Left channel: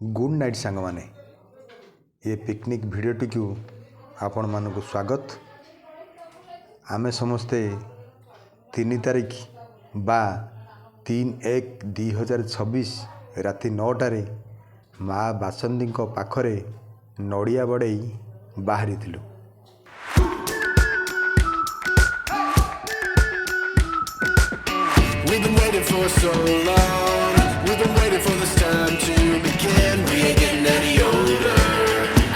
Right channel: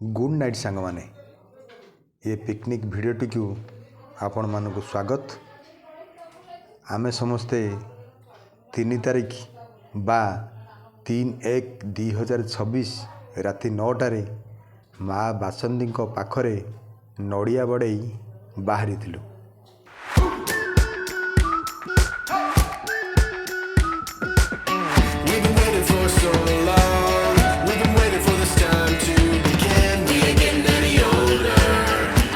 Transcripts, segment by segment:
Good night सांग माने ये पिकनिक भिडियोटी को आपण मानक स्वागत। आमे समस्ते 3 तारिख बा 3/1/2026 राति 9टारे माँ बासंदी पाखरे नड़िया बड़ई बाहरी थिलु। We've been waiting for so long. We've been waiting for this time to begin. We ain't getting any older.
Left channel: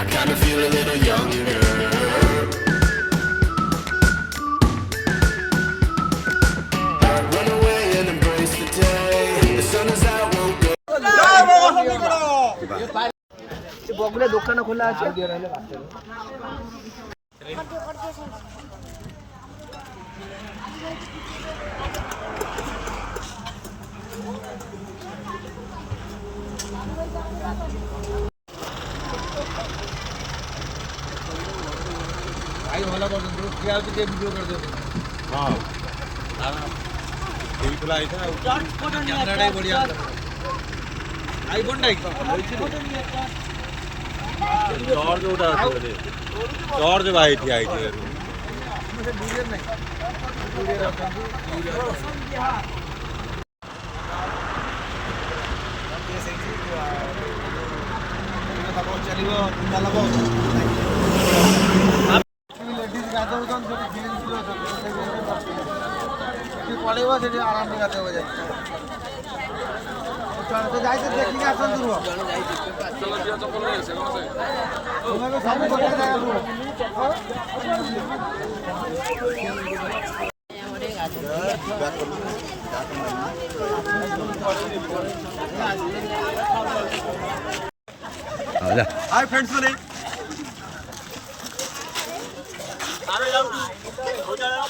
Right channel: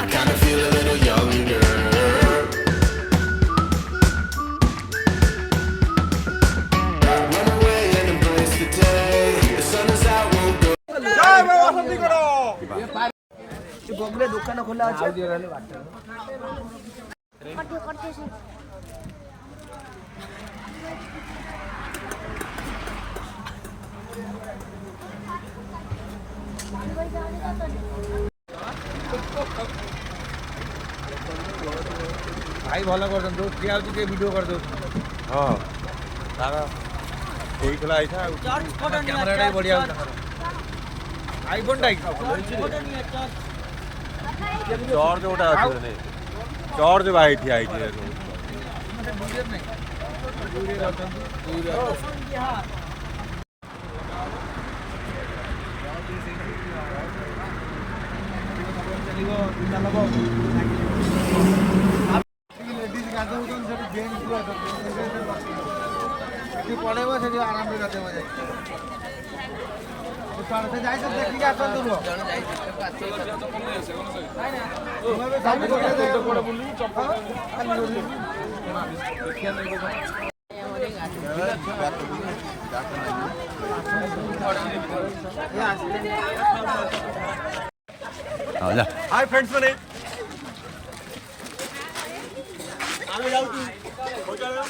I kinda feel a little younger. Run away and embrace the day. The sun is out, won't go. बगुले दुकान खोला আছে भाई भल कर दो ठिया होची जे वीडियो कर दो। हां तारा ठीक खला आइथा कैमरा डाई बढ़िया होता आईफोन डाई जॉर्ज उठा आछे जॉर्ज भाई ठिया आइथे चलिबो चलबो लेडीज गाधौछन सब जेंट्स जो पड़ेबो से आराम से गाधेबो जाय चल से जाई तो देखि के आसन दूर जण जाई तो कोन से तुम्हें सामने तो बुली चखा बैक कर जा हाय फ्रेंड्स वाले आरो जाओ हो जाओ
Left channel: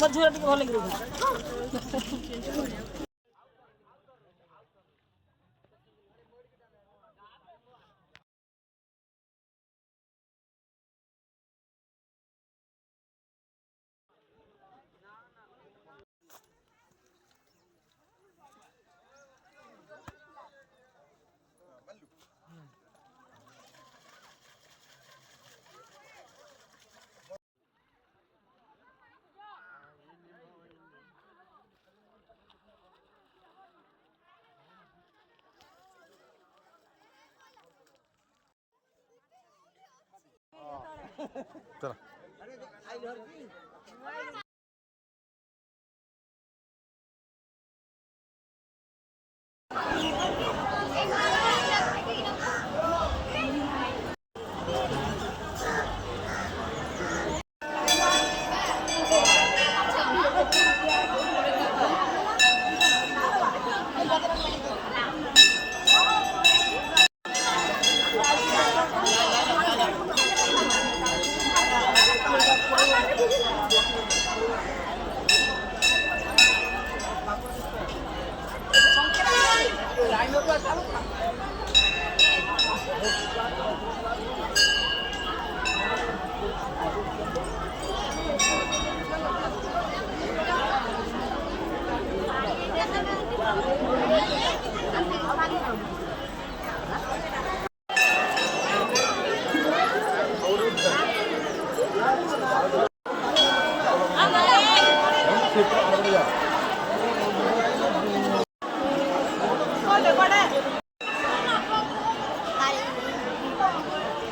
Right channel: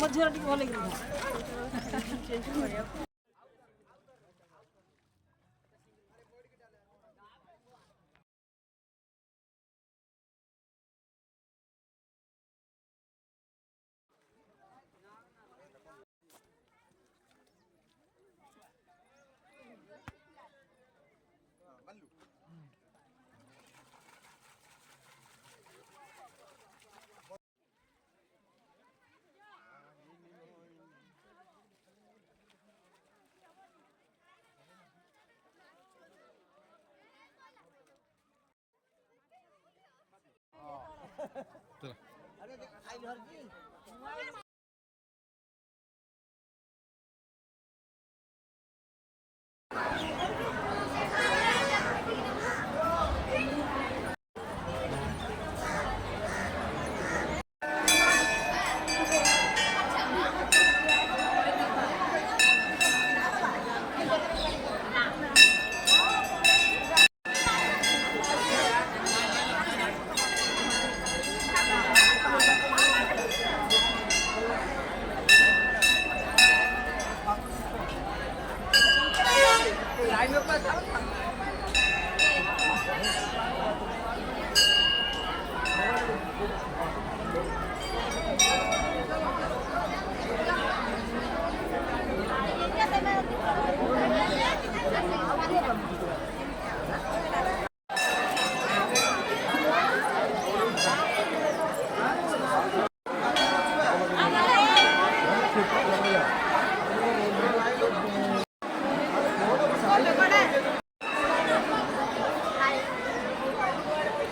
मझोरा टिके भल लगे चला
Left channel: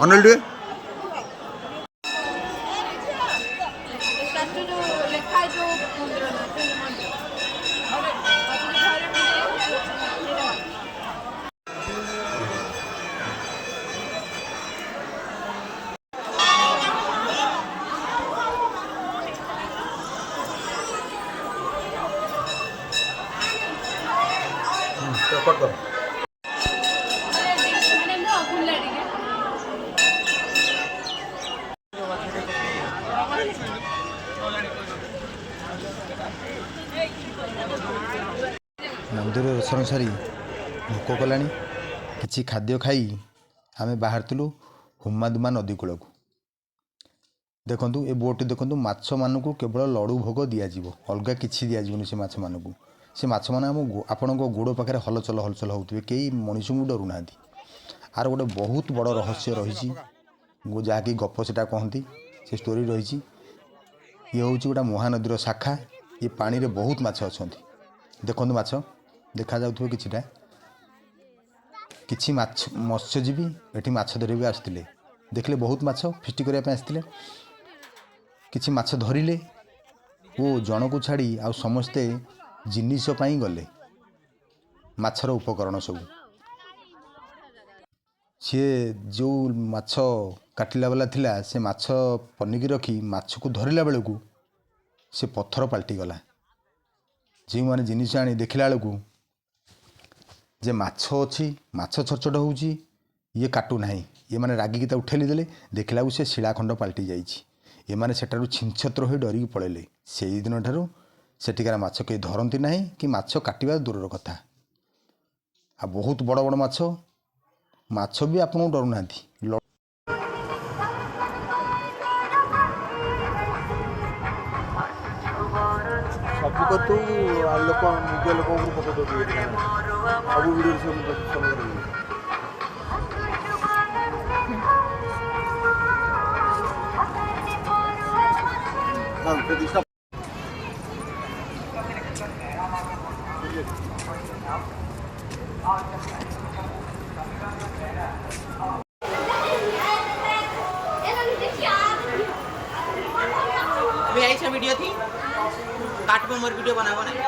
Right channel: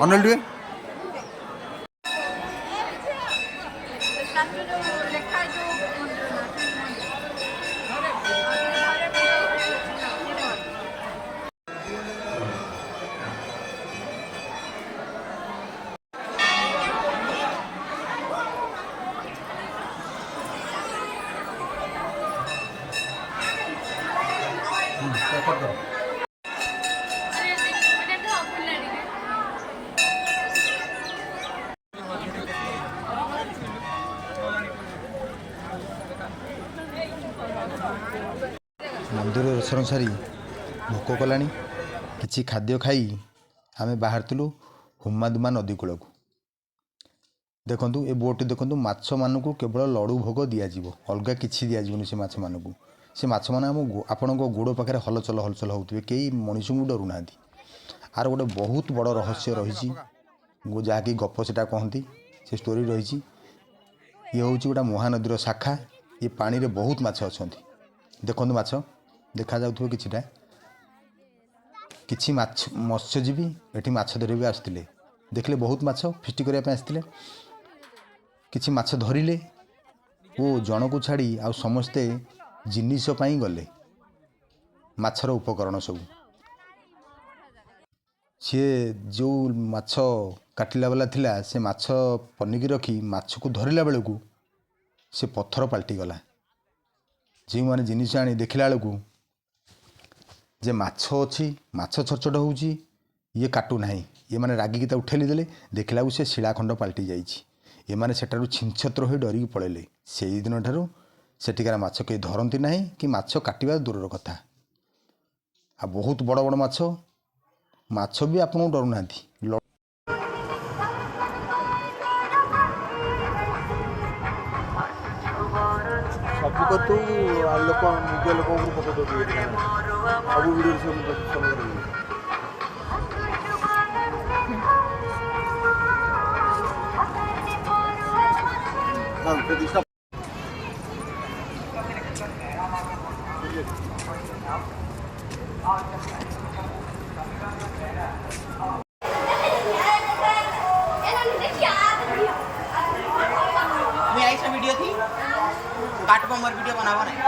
अनिल टे कर दो ମନ୍ଦିର ଦର୍ଶନ ସାରି ଭୋକ କଲାଣି। କିଛି ଖାଦ୍ୟ ଖାଇ ଆମେ ବାହାରିଥିଲୁ ହୁମାଦୁମା ନଦୀ କୂଳକୁ। ଦେଖନ୍ତୁ ଏ ବୋଟ୍ଟି ଦେଖନ୍ତୁ, ମାଛମାନଙ୍କୁ କେବଳ ଲଡ଼ୁ ଭୋଗ ଦିଆଯିବ, ଅଲଗା କିଛି ଦିଆଯିବନି ସେ ମାଛମାନଙ୍କୁ। ସେ ମାଛମାନେ ଆପଣଙ୍କ ଗୋଡ଼ ପାଖରେ ହଲଚଲ ହଲଚଲ ହେଉଥିବେ, କେହି ମଣିଷଙ୍କୁ ଡରୁନାହାନ୍ତି। ଆର ଗୋଟେ ବହୁତ ବଡ଼ ରହସ୍ୟ ରହିଛି, ଯାହାକି ଗପ ସେଟା କହନ୍ତି, ସେ ଷ୍ଟୋରି ରହିଛି। ଇଏ ହେଉଛି ଗୋଟେ ମହାନଦୀର ଶାଖା। ଏ ପାଣିରେ ବହୁତ ମାଛ ଅଛନ୍ତି। ଦେଖନ୍ତୁ ମାଛ ଦେଖାଯାଉଥିବ କିଛିଟା। କିଛି ମାଛ ମତ୍ସ୍ୟଜୀବୀ ଏଠି ମାଛ ଧରିବାକୁ ଆସିଥିଲେ। ଦେଖିଲେ ବହୁତ ମାଛ ଫିଷ୍ଟି କରିବା ପାଇଁ ଆସିଥିଲେ। କିଛି ମାଛ ଧରିଲେ ଓ ଜଣକୁ ଛାଡ଼ି ଆଉ ସମସ୍ତେ ଜିନିଷ ପାଇଁ ଗଲେ, ମାଛର ଉପକରଣ ସବୁ। ସିଏ ଯେଉଁ ମାଛ କାଟିଲା ବାଲା ଥିଲା, ସେ ମାଛ ପନିକି ରଖି ମାଛକୁ ଧରିଲା ବେଳକୁ ସେ ପଥର ପାଲଟିଗଲା। ଯେଉଁମାନେ ଜିନିଷ ଆଣି ଦେଖିଲା ବେଳକୁ ଯେ ମାଛ ଅଛି, ମାଛ ଛଟଛଟ ହେଉଛି, ଇଏ କାଟୁନାହିଁ। ଏମାନେ ରାଗିକି ତାକୁ ଠେଲି ଦେଲେ, ଦେଖିଲା ବେଳକୁ ସେ ଶିଳାଖଣ୍ଡ ପାଲଟି ଯାଇଛି। ଏମାନେ ସେଠାରୁ ଛିନଛତ୍ର ହୋଇ ଡରିକି ପଳେଇଲେ। ସେଇଦିନ ଠାରୁ ସେଠିକାର ମାଛ କେହି ଧରନ୍ତି ନାହିଁ, କି ମାଛ କାଟିବା ଦୂରର କଥା। ଆଉ ବହୁତ ବଡ଼ ବଡ଼ ମାଛ, ମାଛ ବି ଆପଣଙ୍କୁ ଡରୁନାହାନ୍ତି। ସବୁ କତୁ ଲୋକ ନିଜ ଲୋକଙ୍କୁ ପକେଇ ଦେଉଛନ୍ତି ସବୁ ଭିଡ଼ିଓ ସବୁ मैं ऐसा वीडियो थी काट पर मोर वीडियो बनावा नहीं।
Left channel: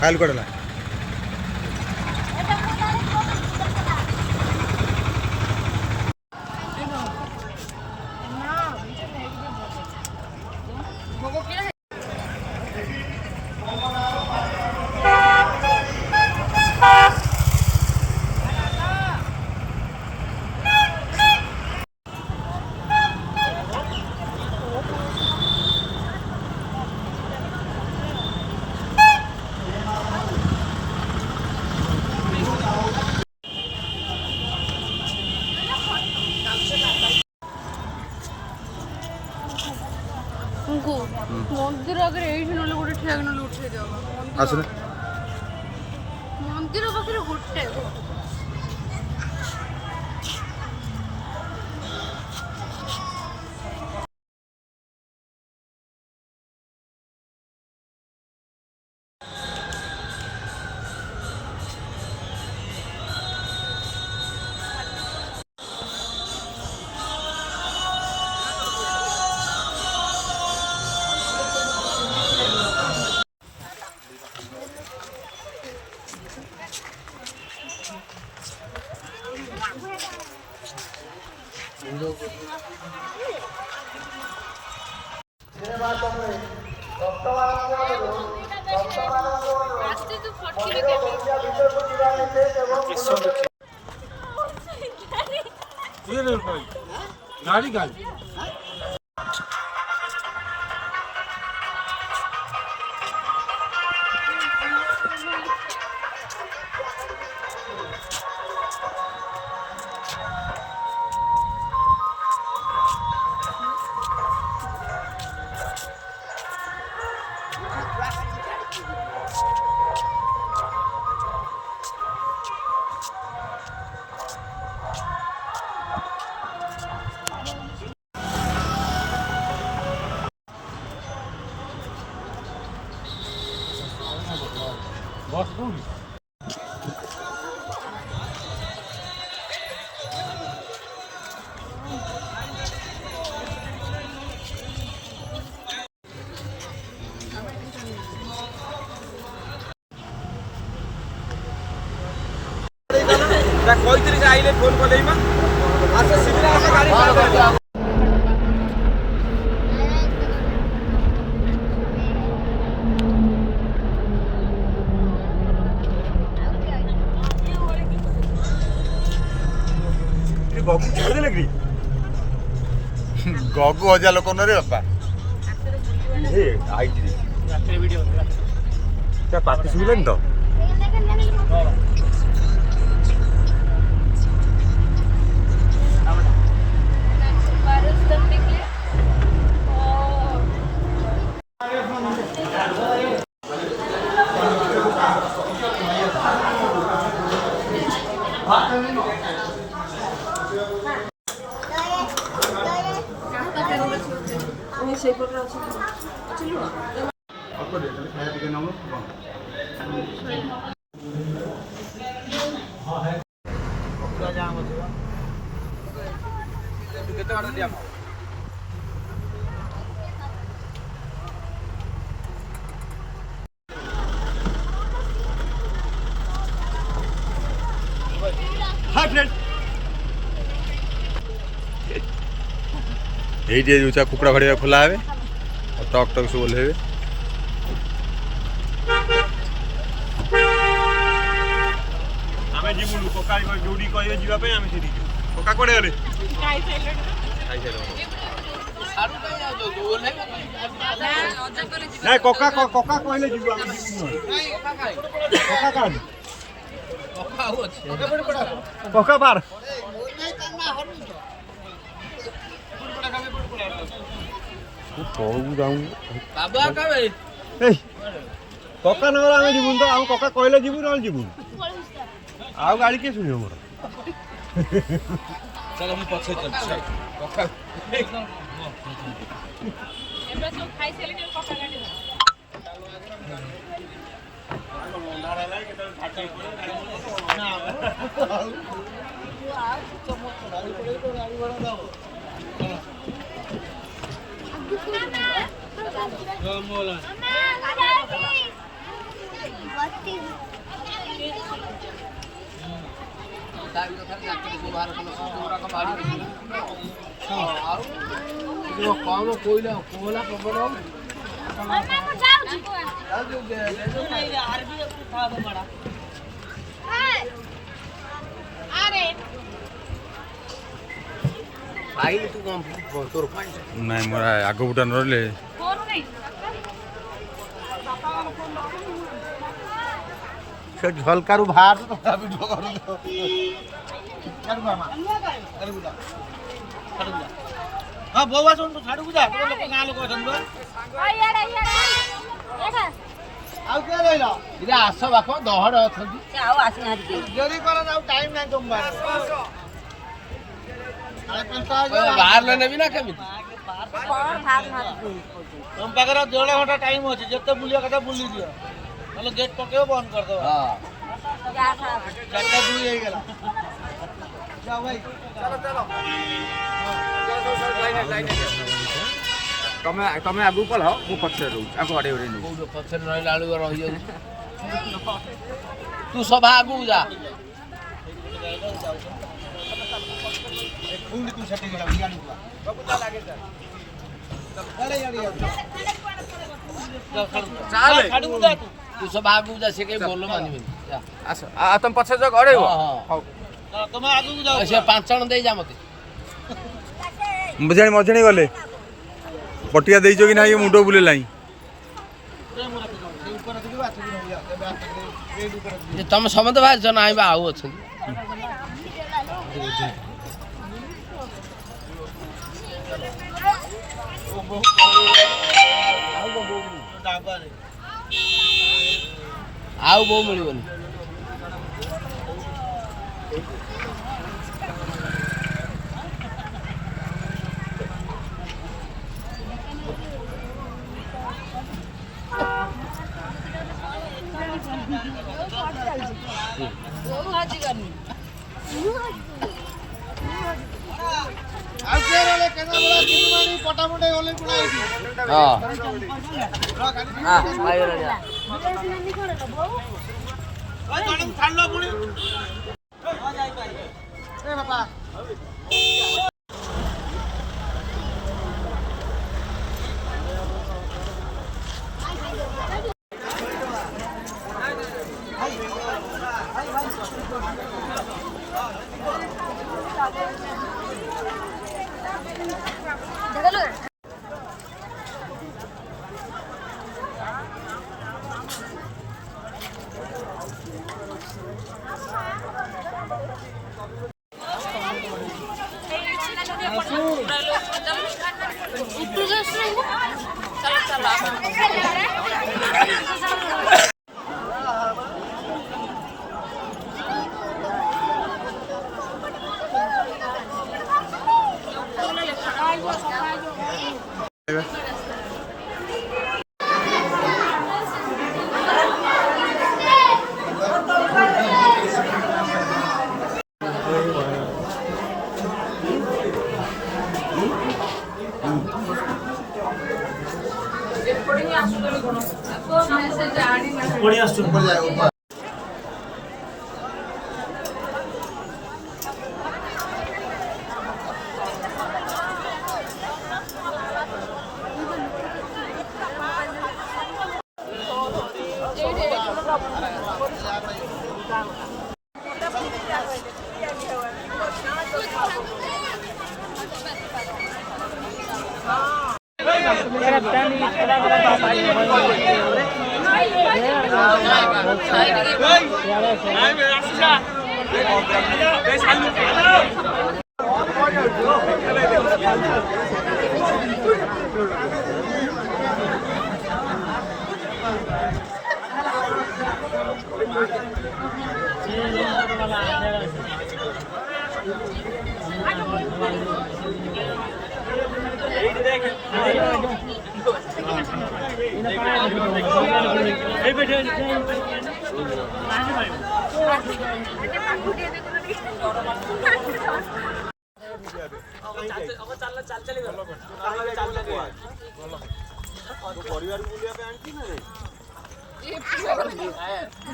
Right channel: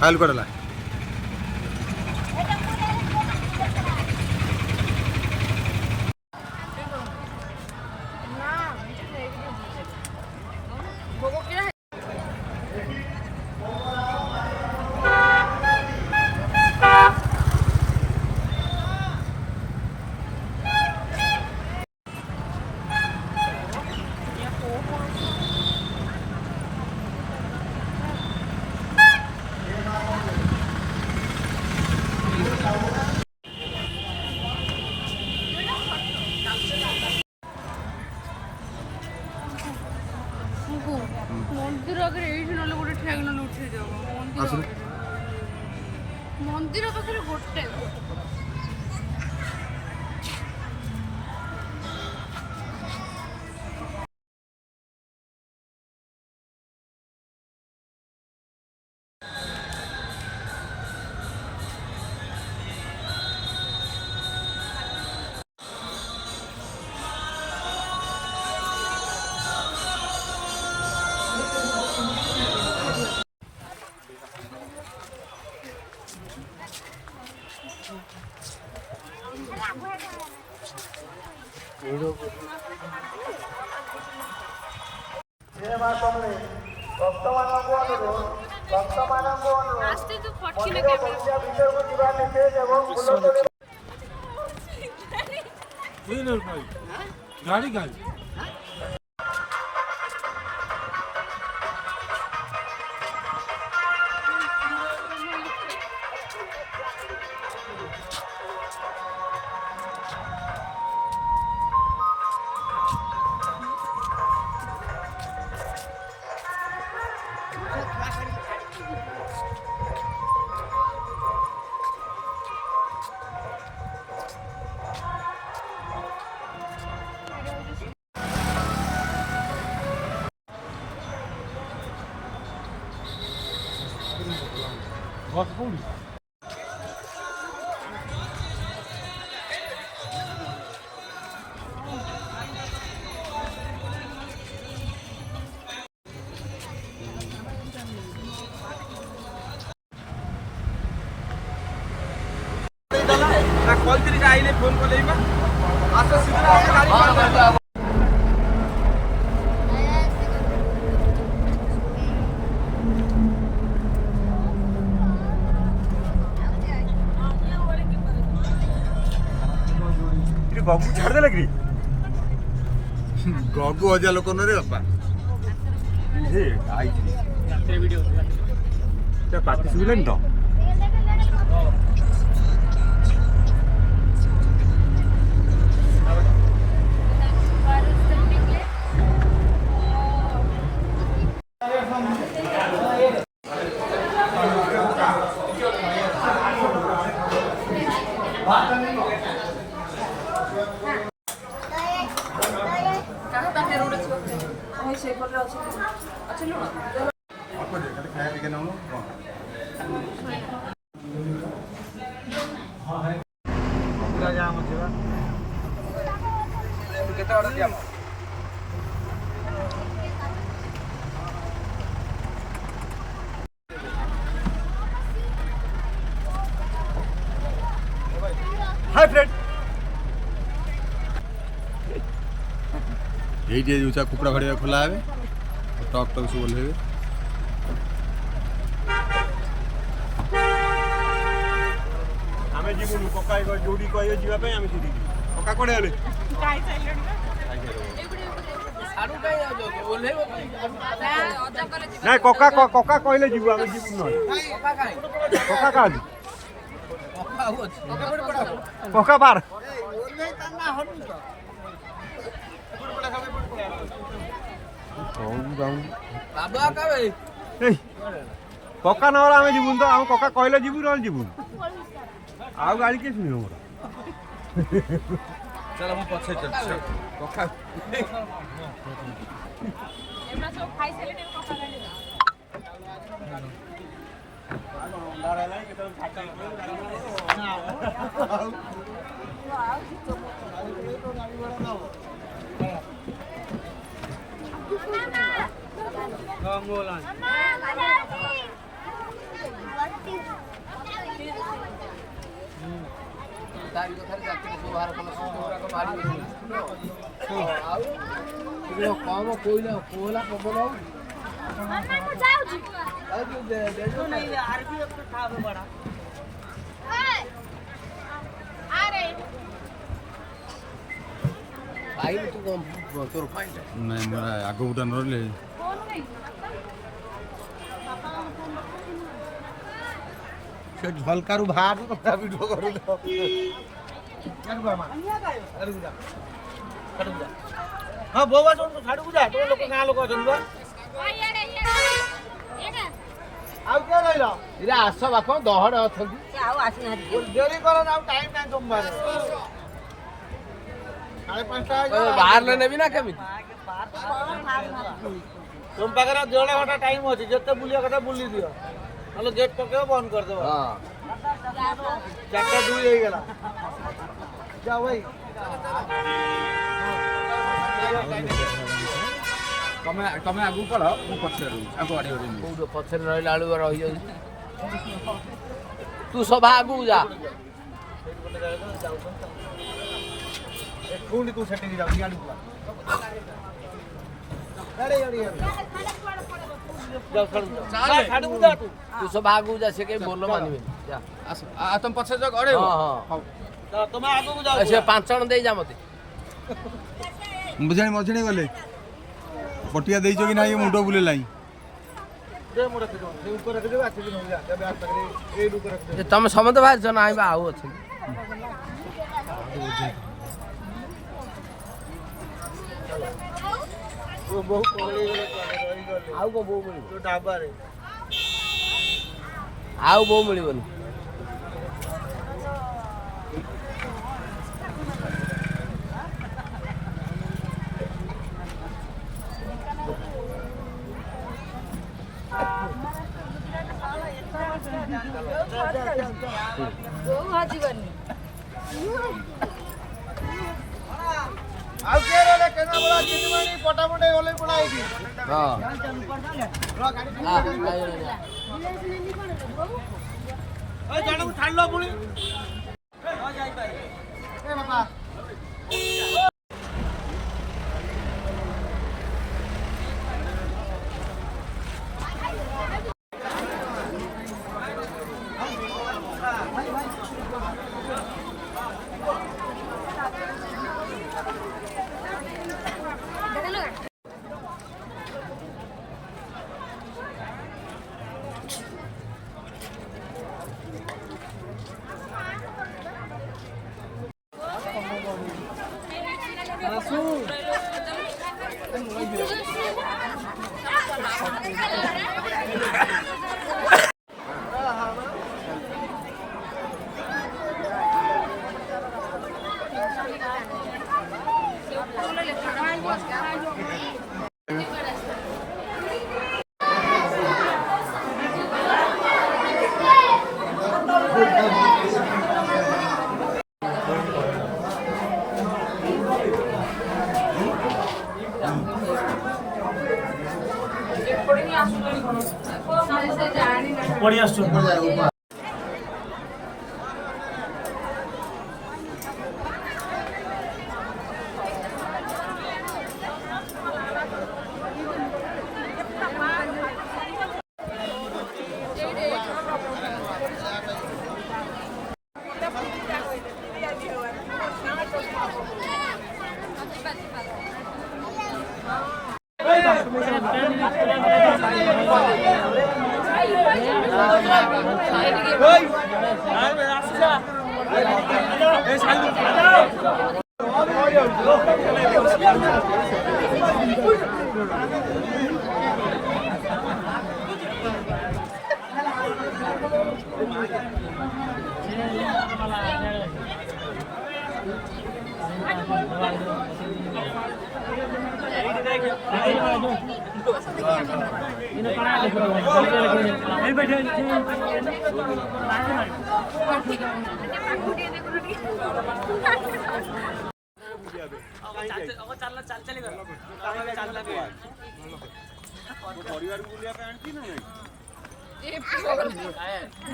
ଫାଇଲ୍ କଡ଼ଲା मंदिर आगे ये ना गोटे ठेक ना उठे दिया आसने मंदिर पाखे गोटे रास्ते तो फटकी गाड़ी गाड़ी बस कौन କହିଥିଲି କି ଆଇଲେ ଫୋନ୍ କଲେ ମା ଆସ ଶୀଘ୍ର ଆସ ଗାଡ଼ି ଗଗୁ ଛାଡ଼ିଦେଲେ କି ଗଗୁ ହଜା ଲୋକ ନରେ ବାପା ଆଇଛି ପାଟି ଶୁଭିଲାନି ତ ସେଇପଟରେ ଅଛି ଲୁଣ ଟିକେ ନେଉନୁ ଜାମ ଅଛି ବା କେତେ ବାଟ ଜାମ हाय फ्रेंड এইটি ଯୋଉ କୁକୁଡ଼ା ଘଡ଼ିଆ ଖୋଲା ହେବେ ଆଉ ଟକ୍ ଟକ୍ ସବୁ ଓହ୍ଲେଇବେ ଆମେ ଯିବୁନୁ କକା ଯୋଉଠି କହିବେ ଯିବା ପାଇଁ ଆମେ ସେଠିକି ଯିବୁ କକା କୁଆଡ଼େ ଗଲେ ନାଇଁ କକା କକା କହିଲେ ଯିବୁ ଆମେ ଯିବୁନୁ କକା କାହାନ୍ତି କକା ପାର କକା ନହେଲେ ଆମେ ଯିବୁନି ତ ଆମେ କକା କହିଲେ ଯିବୁ ନହେଲେ ଯିବୁନି ଆଉ ଗାଡ଼ି କିଏ ଶୁଣିବ ମୋର ଚାଲ ମୁଁ ପଛେ ଚାଲ କକା ଏଗୁଡ଼ା ସବୁ ଖାଇସାରିଲେଣି କକା ଗାଡ଼ି କମ କୋଇଲା କୋଇଲା ପବନ ପାଇଲି ତୁ କଣ ତୋର ପାଇଲା ନାଇଁ ମୋର ଆଗ ବୁଟା ନ ରହିଲେ ସେ ଝଲକାରୁ ବାହାର ଭିଡ଼ିଓ କରୁ ହଁ ବୋଉ ଆସ ଛାଡ଼କୁ ଯା ତୋ ଲୋକ ଗାଁ ଲୋକ ଅଛନ୍ତି ବା ଆଉ କିଏ ରହିଲ ଇରେ ଆସ ବାପ ଦହଡ଼ ଅଛନ୍ତି ଆଉ ଆସିନାହାନ୍ତି ଡେରି କର ଆଉ ଟାଇମ୍ ନାହିଁ ତମ ବାହାରିଲେ ନେବି ନା କେମିତି ତୁମ ପାଖରେ ଯୋଡ଼େ ଘଣ୍ଟା ଟାଇମ୍ ଅଛି ଯେତେ ବୁଲିବା କଥା ବୁଲି ଦିଅ ନହେଲେ ଗେଟ୍ ପକେଇବ ବନ୍ଦ କରିଦେବ 4:02 ହେଇଗଲା ଯାଅ ଭାଇ ତମେ ଆଗକୁ ପଳ ମୁଁ ପଛରେ ରହୁଛି ଆଗ ଆଡ଼େ କୋଉଠି ପଛରେ ରହିଲା ବେଳକୁ ରହିଯାଉଛି ତୁ ସଭା ଆଗକୁ ଯା ପୁଣି ତୁ ସେଠିକି ଯାଉ ଇଆଡ଼କୁ ତୁ ସଭା ଆଗକୁ ଯା ସେ କେହି ଭଲ ମାନିବେନି ଯା ଆସ ତମେ ପଛରେ ଯାଅ ଘରେ ହଁ ତମେ ଆଗକୁ ଯାଅ ସେ 5 ଜଣ ଦେଇ ଯା ମତେ ମଝାଣି ଗଲେ ପଟିଆ ଦେଇଛ କି ନାହିଁ ମୁଣ୍ଡ ବୁଲେଲାଇଁ ତମେ ସମସ୍ତେ ବାହାରିଛ ନା ବା ଆଉ ଅଛନ୍ତି ଆଉ ବୋଉ ମିଳିବନି ଆଉ କିଏ ରହିଲେ କେନାବଳା ଚିନିମାଣି ପଟାମୁଣ୍ଡେ ଓଲେଇ ପଡ଼ା ହେଇଛି ହଁ ଜଣକୁ ଛାଡ଼ିଲ ପୁଣି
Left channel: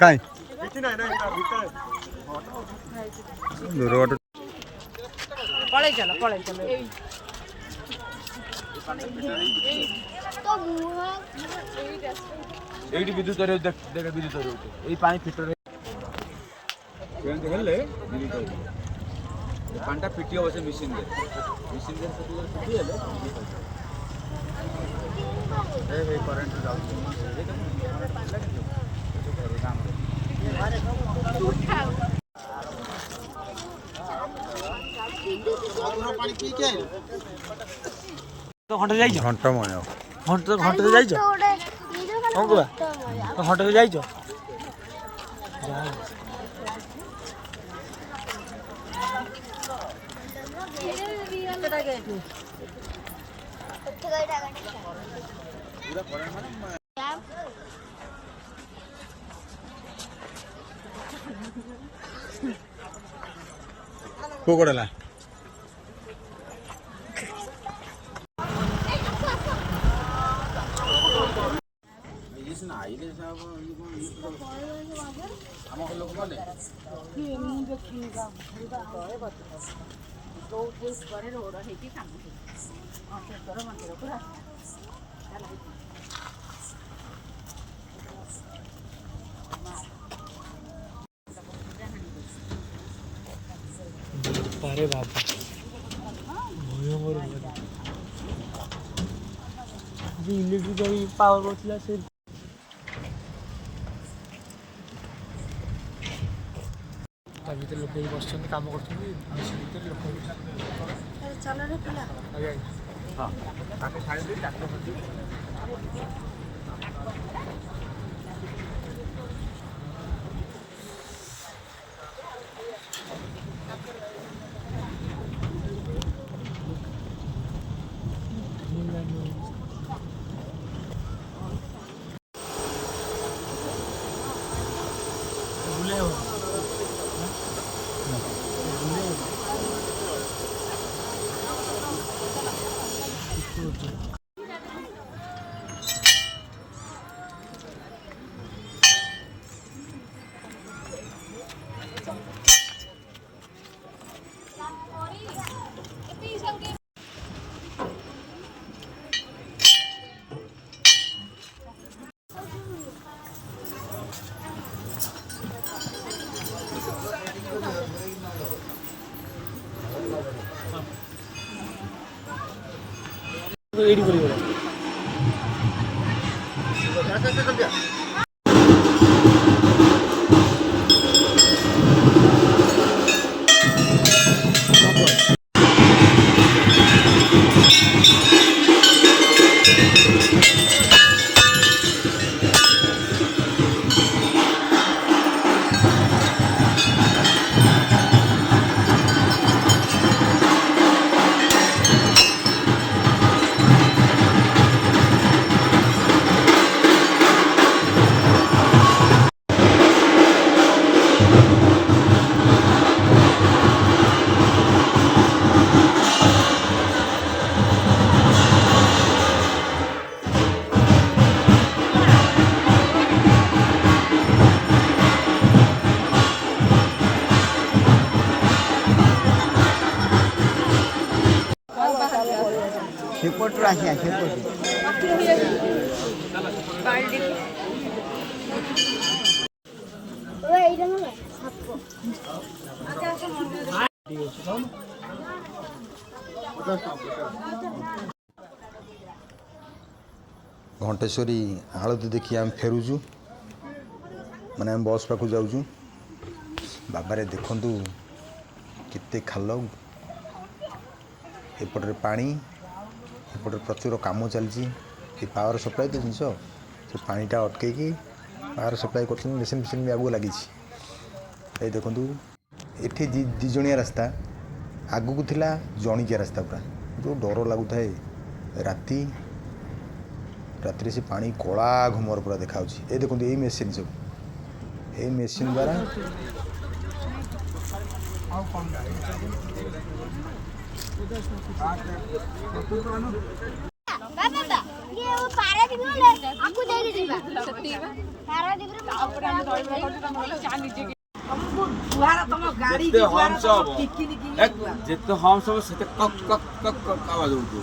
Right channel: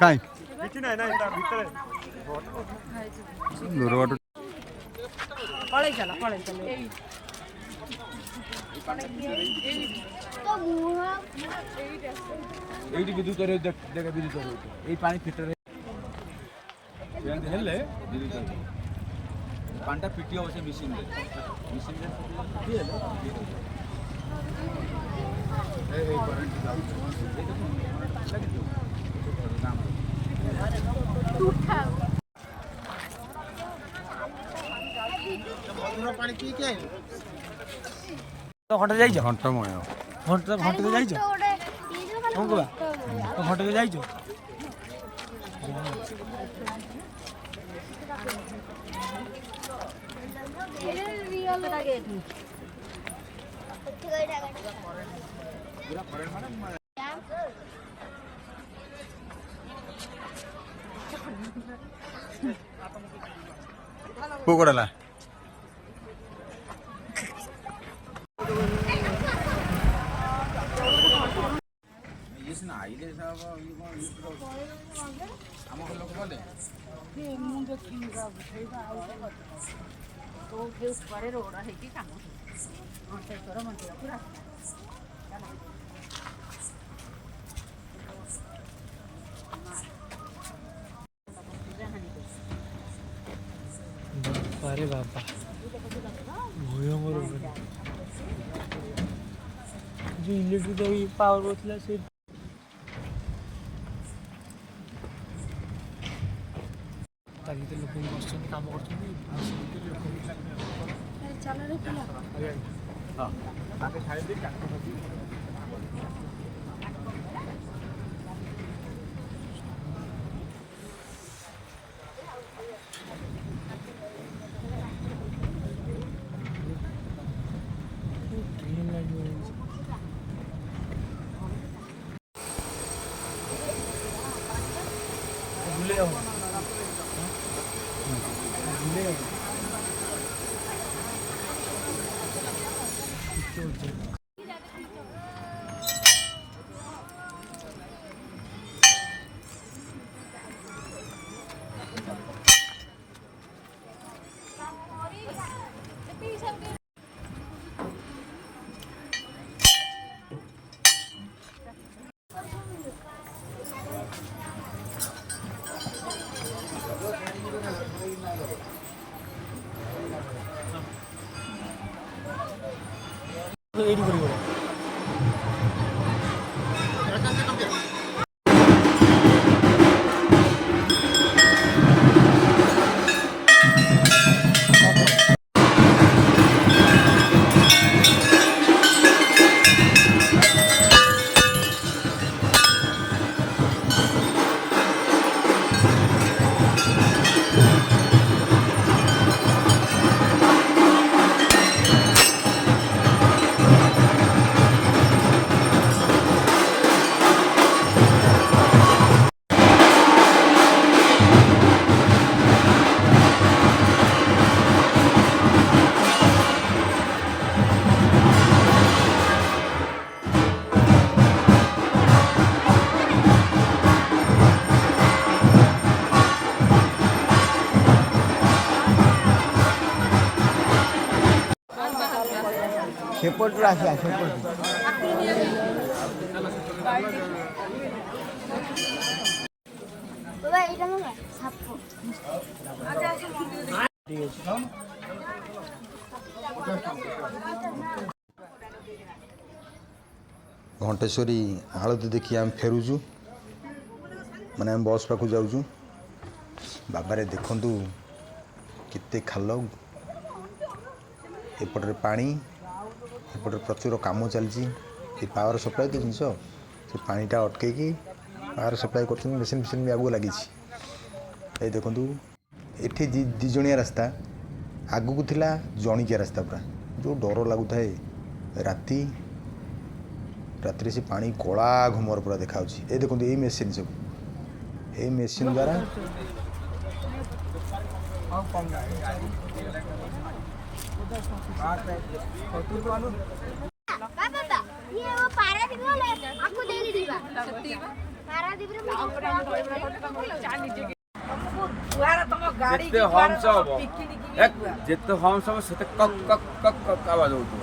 କାଇଁ ଦୂର ବାଟ ପଳେଇ ଚାଲ ପଳେଇ ଚାଲ এইটি বিদ্যুৎ রয়েছে দেখ বিদ্যুৎ রয়েছে এই পানি ফিল্টার হেলে বিদ্যুৎ রয়েছে পানিটা ফিটি অবশ্যই মেশিন দিয়ে ফিটি হলে এই কারেন্ট যাচ্ছে ଘଣ୍ଟା ଯାଇଛ ଘଣ୍ଟମୟ ଘଣ୍ଟା ଯାଇଛ କଣ କଲା ଘଣ୍ଟା ଯାଇଛ କୋଉ କଡ଼ଲା अरे बाबा भयंकर जो इलेक्ट्रिक पावर करथिला से ता भीतर लोक बसछन काम करछन भीतर लोक चल रे पिला हां ताके छाड़ी दे ट्रैक्टर करती ଏଇଠି କରିବ ସେପଟରୁ ଆସିବା ସେପଟୁ ଏଇଟା ନା ସାପ ଘଣ୍ଟେଶ୍ୱରୀ ଆଳତି ଦେଖି ଆମେ ଫେରୁଛୁ ମାନେ ଆମେ ବସ୍ ପାଖକୁ ଯାଉଛୁ। ବାବାରେ ଦେଖନ୍ତୁ କେତେ ଖାଲ, ଏପଟରେ ପାଣି, ଏପଟରେ ପ୍ରଚୁର କାମ ଚାଲିଛି। ଏ ପାୱାର ସପ୍ଲାଇ ତ ଜିନିଷ, ସେ ପାଣିଟା ଅଟକେଇକି ପାୱାର ସପ୍ଲାଇ କରୁଛନ୍ତି। ମେସିନ୍ ଫେସିନ୍ ବି ଆଗକୁ ଲାଗିଛି। ଏଇ ଦେଖନ୍ତୁ ଏଠି ଦୁଇ ଜଣିଆ ରାସ୍ତା, ଆଗକୁ ଥିଲା ଜଣିକିଆ ରାସ୍ତା ପୁରା, ଯେଉଁ ଡର ଲାଗୁଥାଏ। ରାତିରେ ସେ ପାଣି କଳା ଘୁମର ପୁରା ଦେଖାଯାଉଛି। ଏଇ ଦେଖନ୍ତୁ ଏଇ ମେସିନ୍ ସବୁ, ଏଇ ମେସିନ୍ ଦ୍ୱାରା ଯେତେ ହମ୍ସ ହବ ଯେତେ ହମ୍ସ ହବ ସେତେ କକ୍ କକ୍ କକ୍ କକ୍ ଆୱାଜ ହଉଥିବ।